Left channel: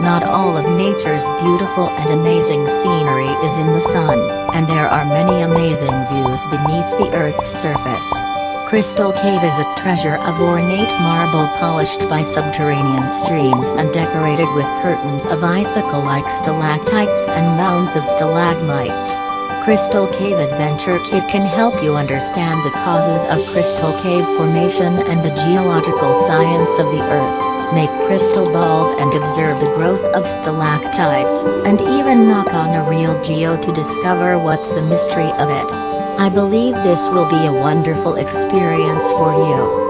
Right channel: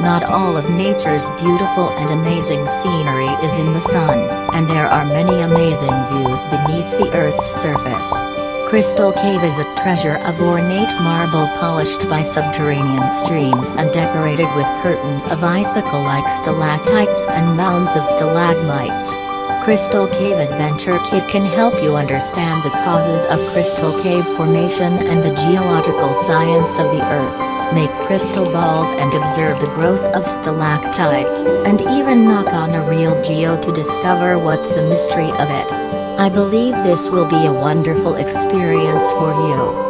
Not all of nature's beautiful and amazing scenery is in the sun, and there are many amazing views beneath the Earth's surface. Crystal Cave is a treasure of ornate marble polished by subterranean streams and decorated with curtains of icicle-like stalactites and mounds of stalagmites. Crystal Cave Adventure Kit can help you understand the causes of crystal cave formation and the geological science of the Earth, make crystal balls and observe the growth of stalactites, and even knock on a real geo to discover what's the mystery of it. I believe this will be a wonderful experience for you.